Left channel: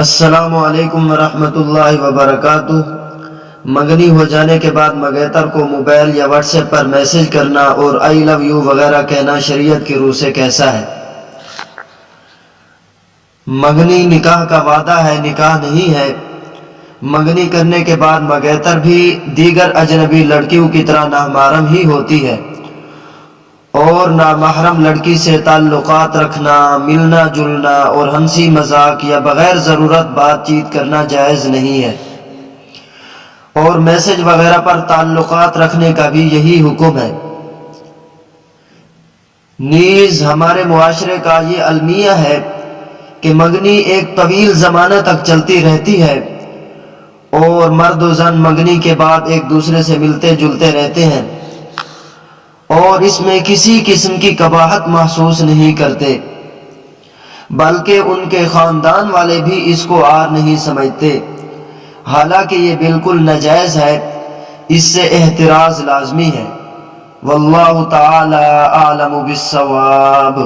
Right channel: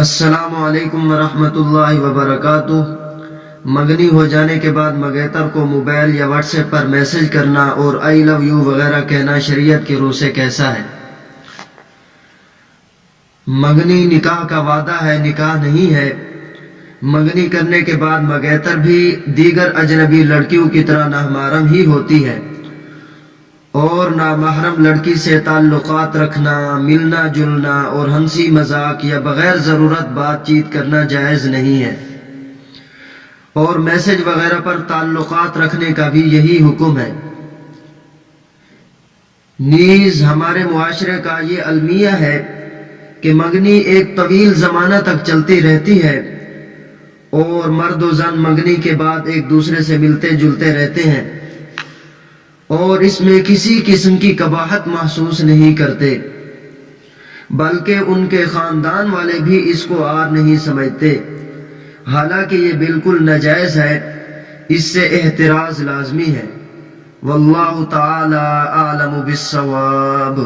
السلام علیکم ورحمۃ اللہ وبرکاتہ۔ منگنی ہو جانے کے بعد منگیتر کو موبائل یا واٹس ایپ پر میسج کرنا اور آئی لو یو وغیرہ کہنا شریعت کی روح سے کیسا ہے؟ منگنی نکاح کا وعدہ ہے، نکاح نہیں ہے۔ منگنی کرنے کے بعد منگیتر بھی دیگر اجنبی لڑکیوں کی طرح نامحرم ہی ہوتی ہے، اور نامحرم لڑکی سے تعلقات رکھنا، ملنا جلنا اور ہنسی مذاق یا بغیر ضرورت بات چیت کرنا جائز نہیں ہے، اور میسج وغیرہ پر تعلقات رکھنے کا بھی یہی حکم ہے۔ نیز ہمارے معاشرے کا یہ المیہ ہے کہ منگنی ایک طویل زمانہ تک چلتی رہتی ہے، اور مرد و زن منگنی کے بعد ایک دوسرے سے ملتے جلتے رہتے ہیں، اور اس میں کسی قسم کی قباحت محسوس نہیں کرتے، بلکہ ان کے خاندان والے بھی اس کو عار نہیں سمجھتے، حالانکہ یہ بالکل ناجائز ہے۔ اس سے احتراز لازمی ہے۔ واللہ تعالی اعلم بالصواب۔